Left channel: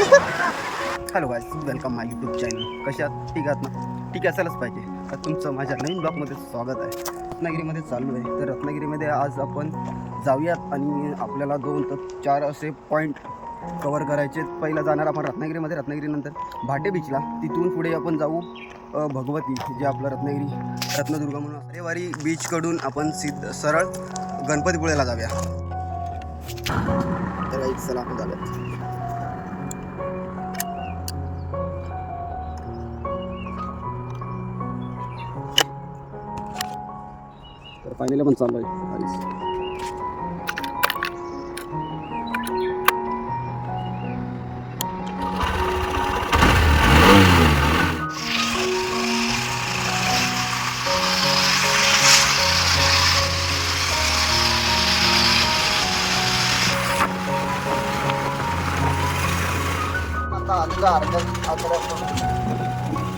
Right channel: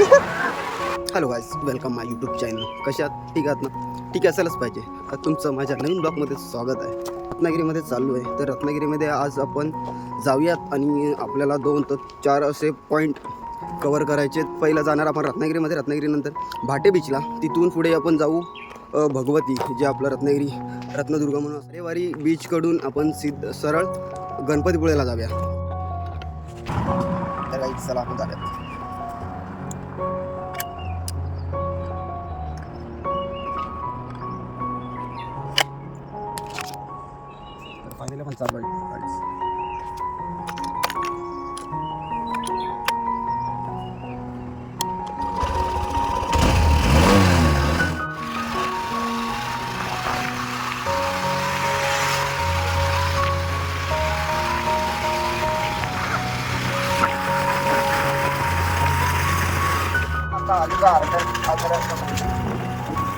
Hello guys, welcome माय YouTube channel. कशात ठीक आहात ना? ठीक असायलाच पाहिजे. तुमचं माझ्या नवीन ब्लॉगमध्ये स्वागत आहे. रत्नागिरीमध्ये चाललो आहे. तर रत्नागिरीमध्ये आज आपण जाऊयात आणि आपल्याला 2 ते 4 असे पॉईंट कवर करायचे. पहिला जाणार आपण रत्नागिरीमध्ये, रत्नागिरीनंतर भाटे बीचला. तिथून पुढे आपण जाऊ भगवती, जे आपलं रत्नदुर्ग म्हणून अरेवारी बीचकडून आपण सरळ गणपतीपुळेला जाऊया. तर गाईज चला आपण जाऊयात. तर फायनली पण चालू आहे गाईज.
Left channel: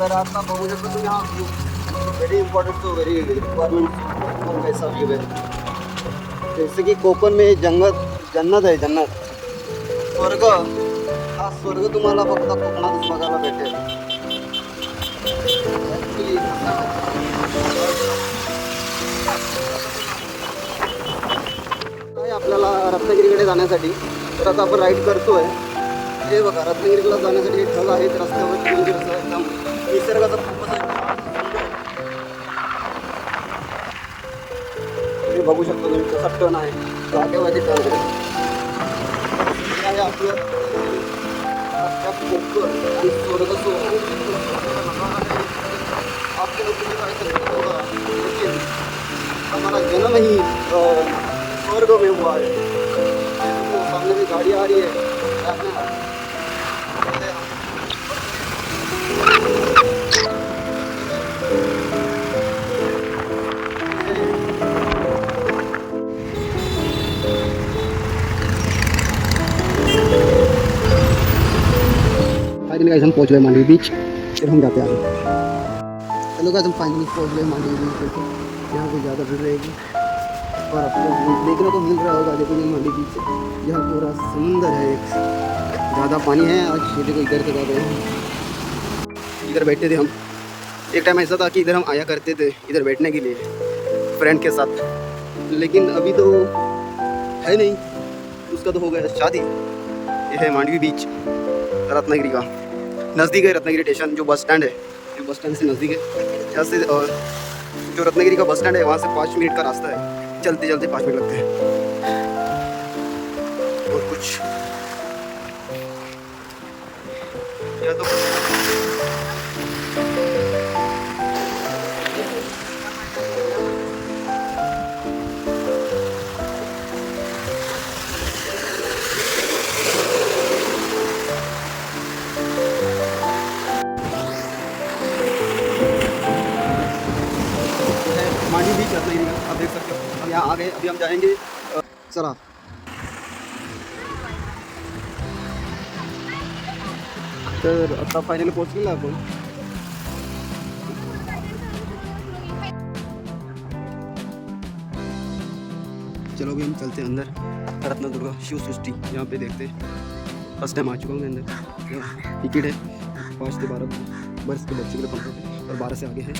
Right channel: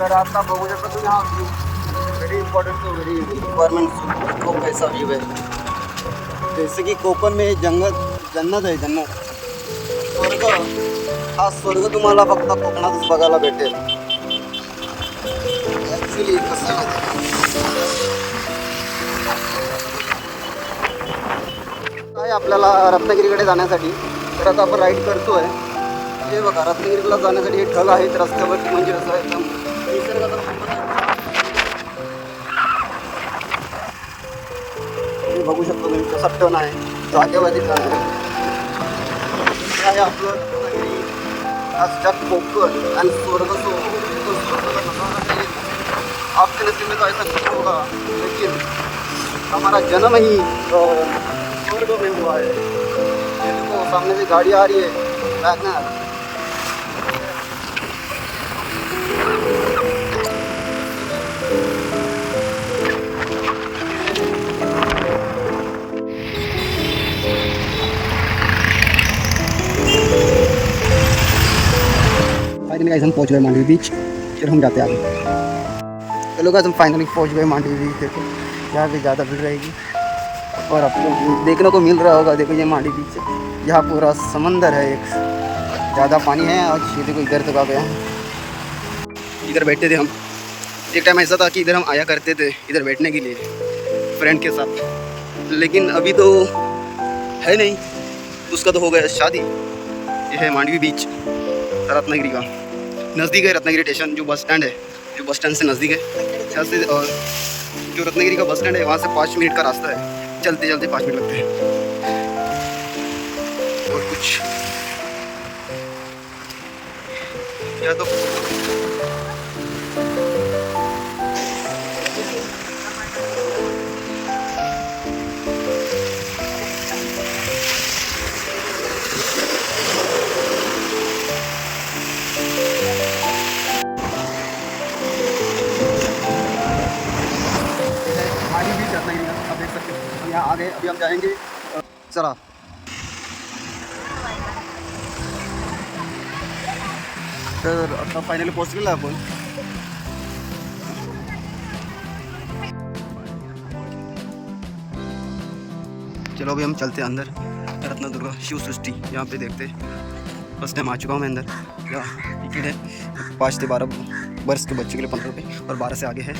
तर आता बघू शकता तुम्ही हा view very important to very requirement खूप पैसा व्ह्यू आहे. जैसे की कोकण में जन्नत आहे. स्वर्ग, हा स्वर्ग तुम्हाला फक्त कोकणातच बघायला भेटेल. ॲक्च्युली काय आपल्याला रत्नागिरीकडे जाण्यासाठी तर आता आपण राईड करतोय. हे बघा, रत्नागिरीला जाण्यासाठी हे ढग आहेत रस्त्यावर, म्हणजे असं एकदम निसर्गाचा खूपच हे बघू शकतो तुम्ही. कसा टन आहे, जागेवरती टन आहे. हे आहे आपलं आजच्यात कोकण आणि स्वर्ग. आपके नसीब में तो ऐसा नहीं होगा, लेकिन हमारा जन्म ही स्वर्ग में हुआ है. ये देखो सामने भी गाड़ी आ रही है. फाइनली गाइस हम पहुंच गए मांडवी बीच. फिर हम जाते हैं आगे. चलो गाइस हम फाइनली पहुंच गए मांडवी बीच. देखो यहाँ पे ज़्यादा भीड़ रहेगी और आपको देखने को मिल रहा होगा. देखो ये मांडवी बीच, यहाँ पूरा समंदर है, एक ज़्यादा पानी है. और ये देखो इधर तक आ गया है. इधर बैठते थे हम. एक टाइम ऐसा था कि इधर हम आया करते थे इधर बैठने के लिए फ्रेंड के साथ, लेकिन अभी तो है नहीं. उसका तो हो गया शादी. ये है मांडवी बीच रत्नागिरी का. नज़दीक है रत्नागिरी स्टेशन, जो बस स्टैंड है, जो बस स्टैंड से नज़दीक है. यहाँ से जो रत्नागिरी का बस स्टैंड है वहाँ से 5 मिनट का रास्ता है. चलते चलते 5 मिनट लगते हैं. और कुछ या तो मांडवी बीच रत्नागिरी का आप देख सकते हो. हम यहाँ आ गए. अभी हम जाएंगे चला. तर आता फायनली पोहोचलेलो आपण. चलो अभी हम चलते हैं अंदर. रत्नदुर्ग शिव सृष्टि यहाँ पे देखते. फर्स्ट टाइम आ चुका हूँ मैं अंदर. यहाँ टिकट है 5 से 12 वर्ष के बच्चे के लिए 15 रुपये और 12 से आगे है.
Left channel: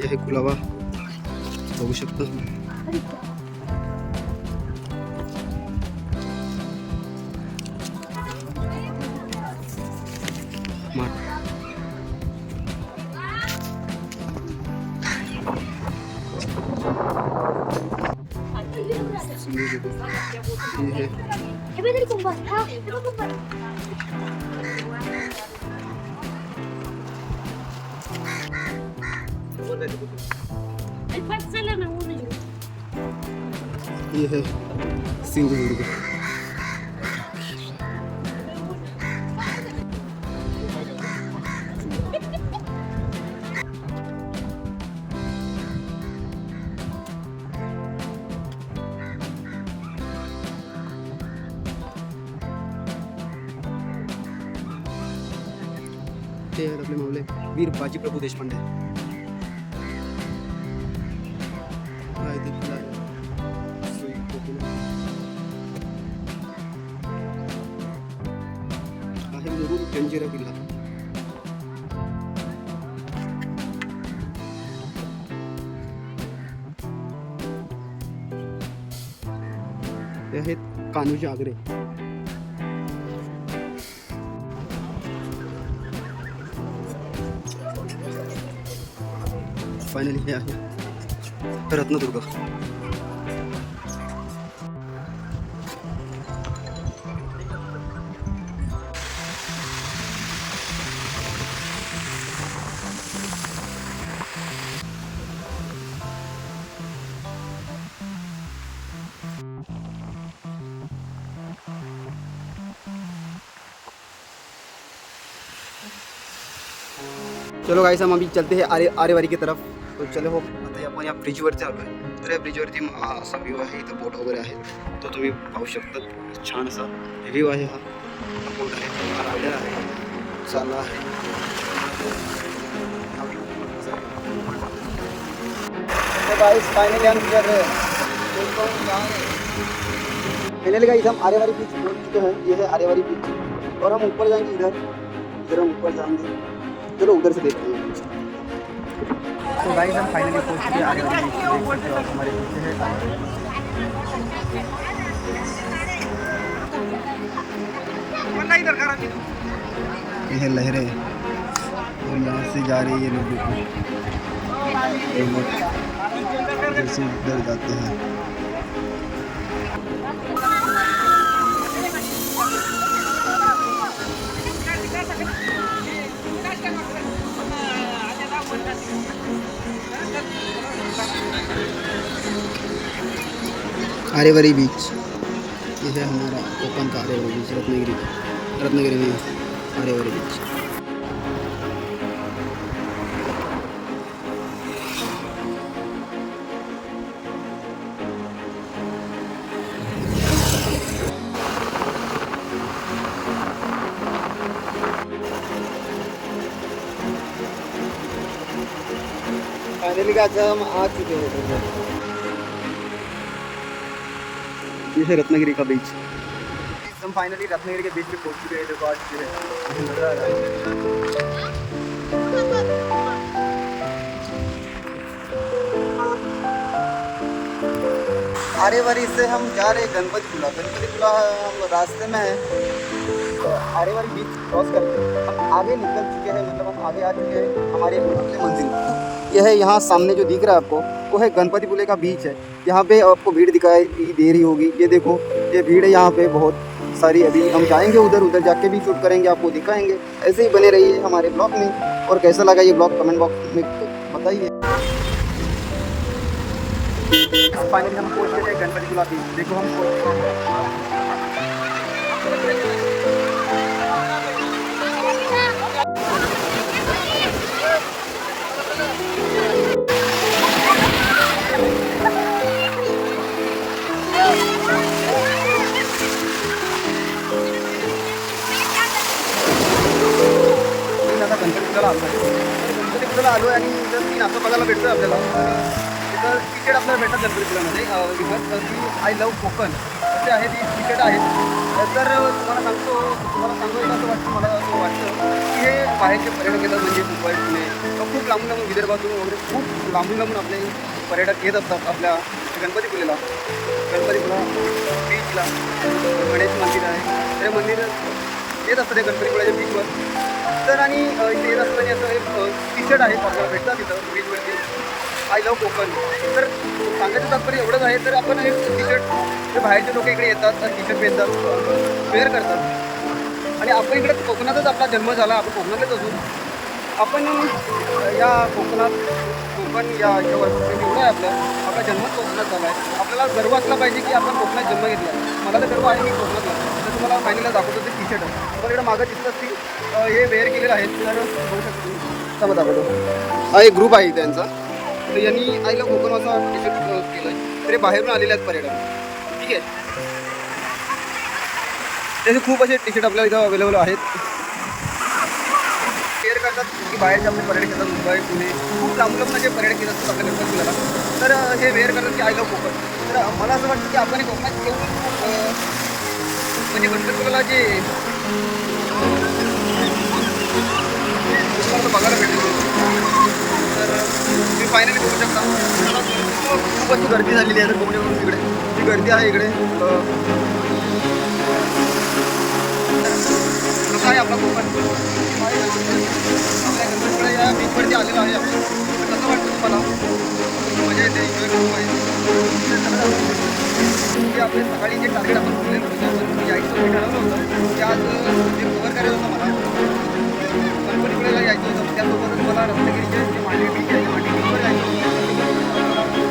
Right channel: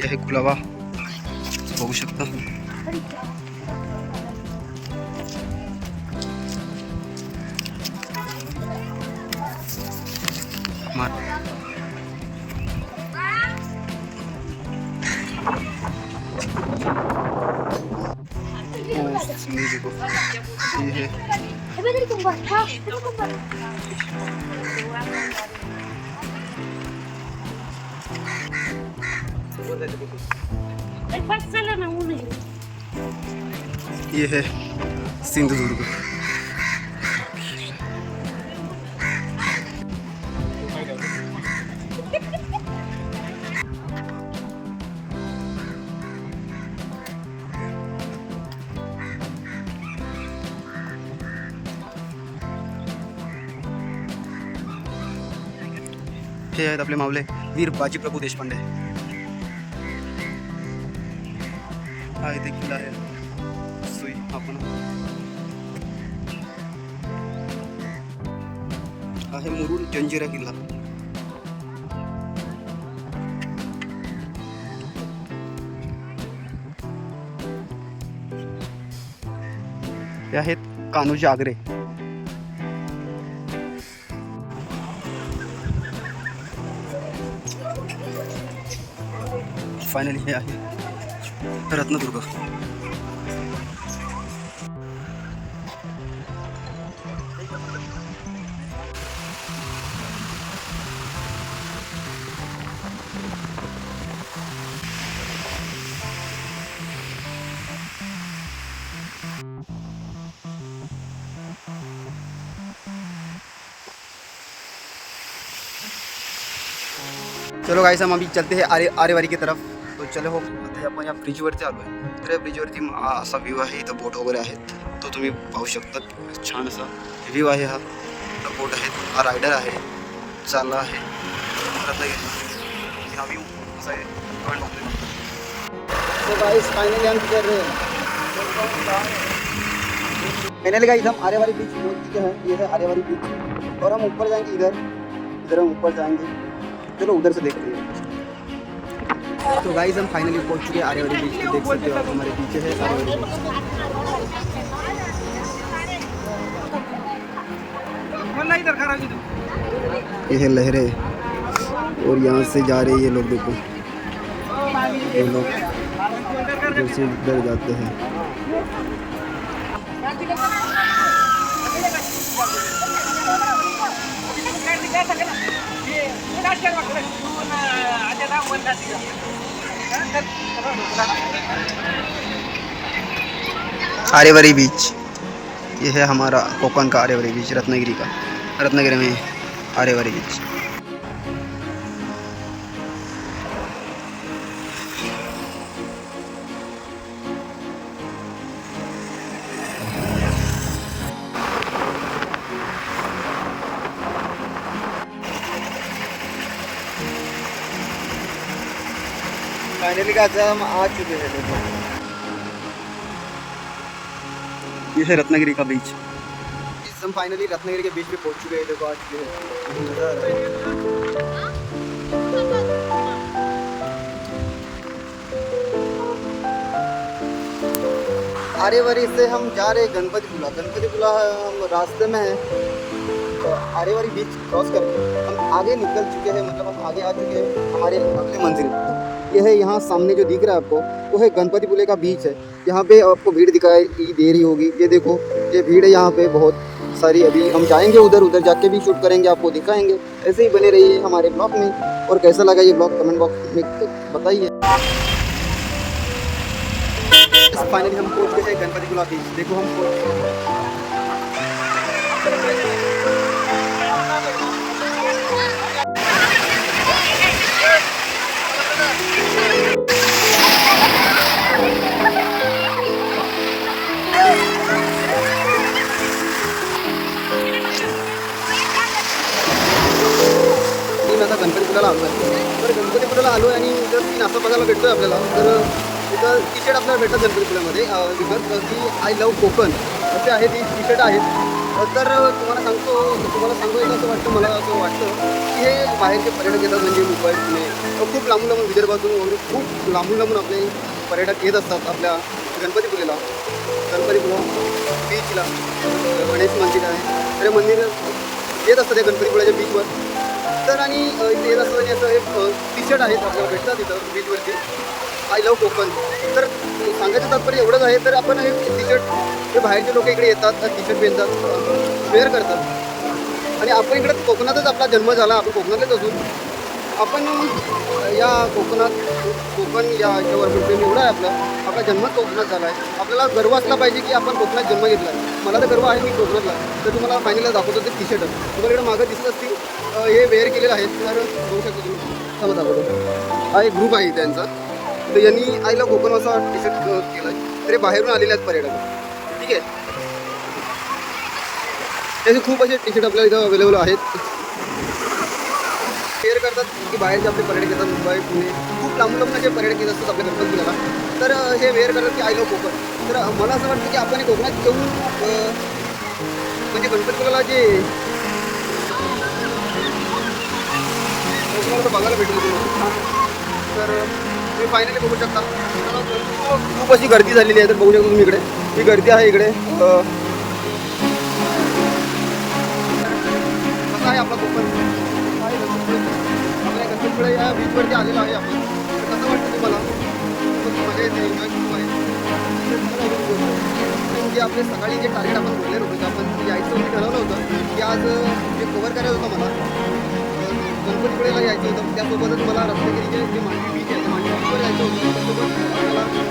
यह है खुला हुआ, बघू शकता. ये ये है सिंधुदुर्ग. हे आहेत आपले मावले वीर बाजीप्रभू देशपांडे. हा इथे किल्ला आहे सुई. आपण आहे मुरुड जंजिरा किल्ला. हे आहेत कान्होजी आगरे. फायनली हे आहे रत्नदुर्ग. चलो गाइस हम अभी चलते हैं आरेवारी की तरफ. तो चलो हो आता आपण या ब्रिजवरती आलो आहे. तर या ब्रिजवरती असा व्ह्यू आहे. इथं बोट वगैरे आहेत, तो तुम्ही पाहू शकता. छान असा व्ह्यू आहे. हा बोट आहे, हा रायडर आहे, चालला आहे. हा व्ह्यू असा आहे. तो गाइस फाइनली हम कर रहे हैं. फाइनली गाइस हम आरेवारी बीच पहुंच चुके हैं. ये है आरेवारी बीच और हम ऊपर जाएंगे. इधर हम ऊपर जाएंगे. चलो उधर से देखते हैं. तो गाइस हम फाइनली पहुंच चुके हैं आरेवारी बीच. देख सकते हो आप हमारे पीछे है आरेवारी बीच. ये है लहरें और यहाँ से जा रहे ये लोग. देखो ये लोग इधर से इधर जाते हैं. आरेवारी बीच ये है हमारा कोकण का आरेवारी बीच, रत्नागिरी का. रत्नागिरी में आरेवारी बीच. फाइनली का हम आ चुके हैं. देखो ये है रत्नागिरी का बीच. हम फाइनली रत्नागिरी के बीच पे पहुंच चुके हैं. देखो आ चुके हैं. ये नज़र आ रहा है. आरेवारी से हम जा रहे हैं गणपतिपुला. हम रास्ते में हैं. तो आरेवारी बीच क्रॉस करके हम आगे निकल चुके हैं. मतलब हम आगे आ चुके हैं हमारे अगली मंजिल. यह है यहाँ सामने जो दिख रहा है आपको, वो है गणपतिपुले का बीच है. यहाँ पे आपको भीड़ दिखाई दे रही होगी. ये देखो ये भीड़ है यहाँ पे बहुत सारी. अभी हम जाएंगे उधर जाके भी शूट करेंगे, आपको दिखाएंगे. ऐसे ही बने रहिए हमारे ब्लॉग में. और कैसा लगा ये ब्लॉग कमेंट बॉक्स में बताइए. फाइनली हम पहुँच गए हैं गणपतिपुला बीच. देखो हम पहुँच गए हैं. आता गणपतिपुळ्याला आलो आहे. तर गणपतिपुळ्याला आलो आहे आणि जर सीन असं बघायला भेटतो आहे आपल्याला. तर तिथं टी शर्ट आपल्याला भेटतात गणपतिपुळ्यामध्ये विकत की आय लव्ह कोकण असे आहे. ती टी शर्ट आहेत. तर तुम्हाला सांगतो असं वाटतं, मला असं वाटतं की हे बाहेरचे पर्यटक येतात. म्हणजे मुंबई पुणे खूप लांबून विदर्भातून वगैरे खूप लांबून आपले पर्यटक येत असतात आपल्या गणपतिपुळेला. गणपतिपुळा बीचला गणेश मंदिर आहे. तर मंदिर येत असतं त्या गणपतिपुळ्याच्या बीचवर. तर आणि इथे येत असताना असं टी शर्ट आहेत आपल्याला भेटतात तिथं बीचवरती आय लव्ह कोकण. तर सांगायचं तात्पर्य एवढंच आहे. तर आपण हे टी शर्ट जे बाहेरचे लोक इकडे येतात टी शर्ट पेरतात वेअर करतात. आणि आपण इकडे कोकणातच आपला जन्म झाला. आपण कोकणातच असून आपण या कोकण या याच्यावर एवढं आहे आपला जन्म कोकणात झाला आहे. आपल्याला गर्व असला पाहिजे की आपण कोकणात जन्म घेतला आहे. मला तर गर्व आहे मी कोकणातला. तर तुम्हाला फायनलला दाखवतो ते टी शर्ट तुम्हाला इकडे मागं दिसत असतील. हे वेअर केलेलं आहे. तर बघू शकता तुम्ही. चला दाखवतो. हा एक ग्रुप आहे त्यांचा. तर यांनी आय लव्ह कोकण असा टी शर्ट केला आहे. तर हे बाहेरून आलेले आहेत पर्यटक. ठीक आहे. त्याचे खूप असे टी शर्ट आपल्याला इथं अवेलेबल आहेत. वेअर करतात की बाहेरचे आपले पर्यटक येतात. मुंबई पुणे खूप लांबून असे पर्यटक येत असतात आपल्या गणपतिपुळ्याला. तर हे वेअर करतात की आय लव्ह कोकण. तर मला असं वाटतं की आपण कोकणात येऊन म्हणजे गणपतिपुळ्याला जे तुम्हाला तर बघायला भेटेल तर तुम्ही फायनली बघू शकता खूप अशी गर्दी झालेली आहे तर बघू शकता तुम्ही इकडे ही गर्दी आहे इकडे कसा आहे आपला कोकण आहे गणपतीपुळे आपल्या गणपतीपुळे या बीचवरती आलेला आहे आपण तर कसं वाटतं तुम्हाला मजा येते एन्जॉय खूप आहे तर चला जाऊन जे आपले सकाळी जे टार्गेट आपण बोललेलं होतं की आपण यायचं मी ठरवलं होतं की आज जे कव्हर करायचं होतं मला गणपतीपुळेला यायचं होतं त्यासोबतच मला रत्नागिरीचे जे मांडवी बीच आहे मांडवी बीचवर जायचं होतं त्यासोबत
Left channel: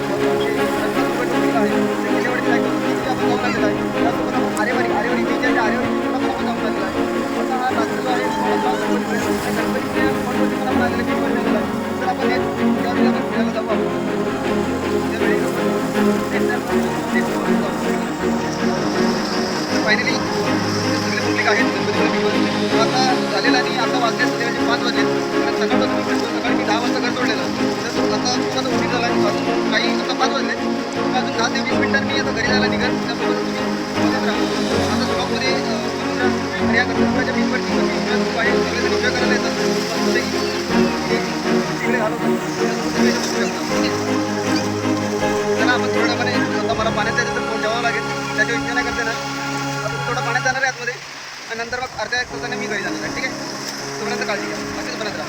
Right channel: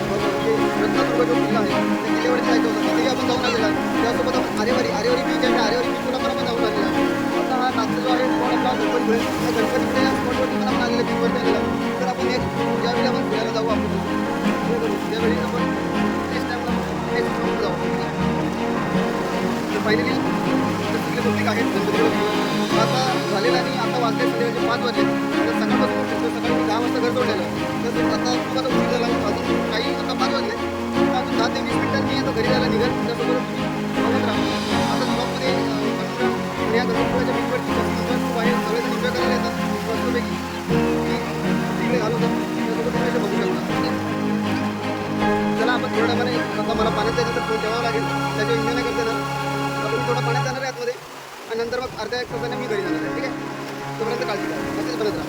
मला जे रत्नादुर्ग जो किल्ला आहे त्या किल्ल्यावरती जायचं होतं तिथे आपण जाऊन आलेलं आहे त्यासोबत आपण आरेवारी बीच आहे त्या आरेवारी बीचला पण आपण जाऊन आलेला आहे आता हा लास्ट जो आहे तो आपला गणपतीपुळे त्या गणपतीपुळे स्पॉटवरती पण आपण आलेलं बीचवरती आलेलं आहे तर आपण ज्यावेळी आपण फिरायला जाऊ आपण त्यावेळी आपण नेक्स्ट टाईम जाऊ तर फायनली सगळे पब्लिक आहेत गणपतीपुळे बीचवर आता झालेलं आणि आता वाजले संध्याकाळचे 5 वाजले कारण सकाळपासून फिरतो सकाळी मी 10 वाजता घर सोडलेलं तर आता खूप आता उशीर झाला आहे अजून काही आता 5 वाजले अजून 10 ते 20 मिनिटांनी मी आता घरी जायला निघाल त्यासोबत बघत राहा आता ब्लॉगमध्ये आणि या गणपतीपुळ्याच्या बीचवरती एन्जॉय खूप आहे सगळेजण एन्जॉय करायला येतात मस्तपैकी तिकडे घालवतात त्यासोबत तुम्ही इथे बघू शकता चला आपण थोड्या वेळाने आता मला पाण्यात जायचं तर फोन ठेवावं लागेल त्याच्या एन्जॉय नाही करते ना आपण थोडं पाण्यात जाणार आहे आतमध्ये आणि नंतर मग अर्ध्या 1 तासाने मी घरी जाणार आहे ठीक आहे तोपर्यंत काळजी घ्या असेच बनत राहा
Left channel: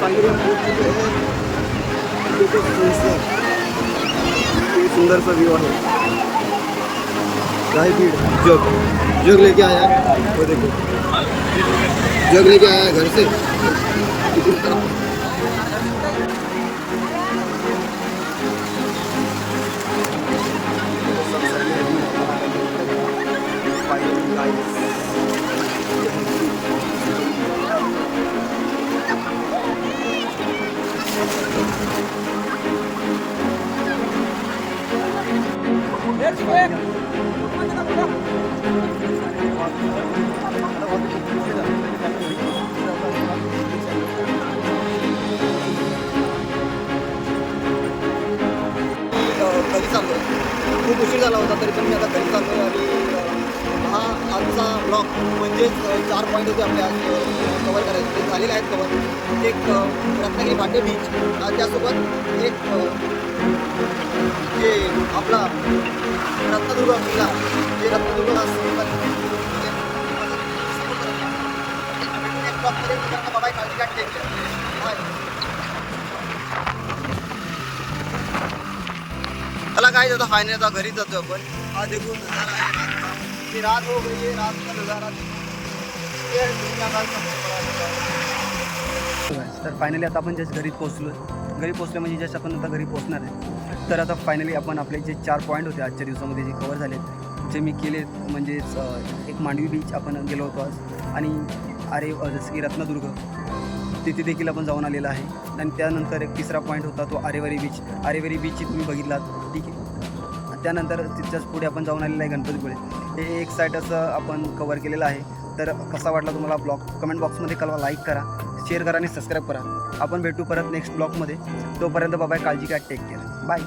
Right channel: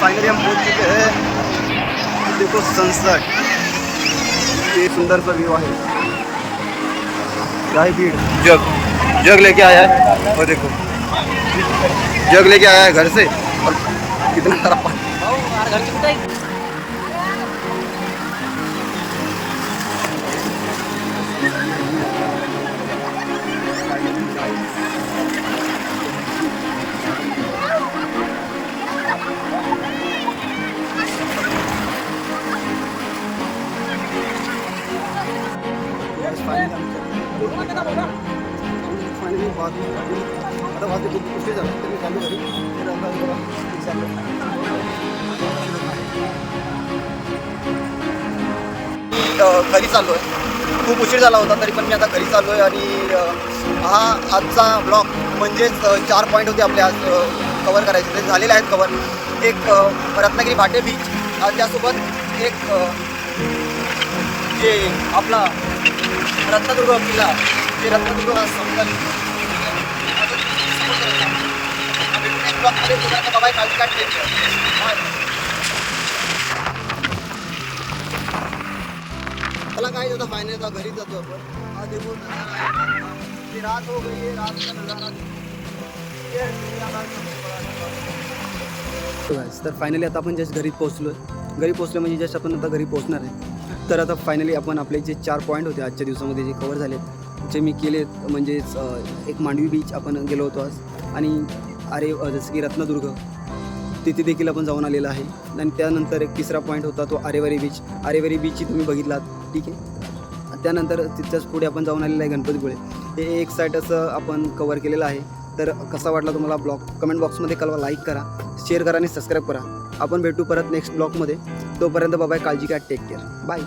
फाइनली हम पहुंच चुके हैं देखो सनसेट ये सुंदर सा व्यू है क्या है भीड़ जग लेके आया है और देखो जग लेके आया है घर से और कितना सारा पानी घरी चाललो आहे खूप उशीर झाला होता तरी पण मी आता घरी चाललो आहे आणि हा आजचा ब्लॉग म्हणजेच 4 पॉईंट होते आपले आज कवर करायचे ते झालेले आहेत कवर एक रत्नागिरी भाटे बीच त्यासोबत एक जे आपला रत्नदुर्ग किल्ला जे रत्नदुर्ग हा समतल ठीक आहे सपोर्ट करत राहा भेटून एक ब्लॉगमध्ये तुझ्या बाबा काळजी काढते बाय मला काय जातं फायनल आता घरी जातो आपण हा देखून रात हो गई तर फायनली आता आपण जस्ट घरी पोहोचलो आहे घरी पोहोचलो म्हणजे जस्ट आपण आता घरी पोहोचणार आहे तर आता फायनली आपण आपले जे 4 पॉईंट होते आजच्या दिवसामध्ये जे कवर झालेत जे मी केलेत म्हणजेच एक मांडवी बीच आपण गेलो होतो आज आणि जसं की रत्नदुर्ग तिथे देखील आपण जाऊन आलेला आहे आणि त्यानंतर एक 3रा पॉईंट होता तो आरेवारी बीचची तुम्ही बघितलात ठीक आहे त्यानंतर तिथच्याच पुढे आपण जाऊन आलेलं आहे गणपतीपुळे हे एक साईड असं आपण कवर केलेलं आहे तर कसा वाटला तुम्हाला ब्लॉग कमेंट बॉक्समध्ये कळवा लाईक करा शेअर करा आणि सबस्क्राईब करा आपण भेटू परत नेक्स्ट ब्लॉगमध्ये तोपर्यंत बाय काळजी घ्या टेक केअर बाय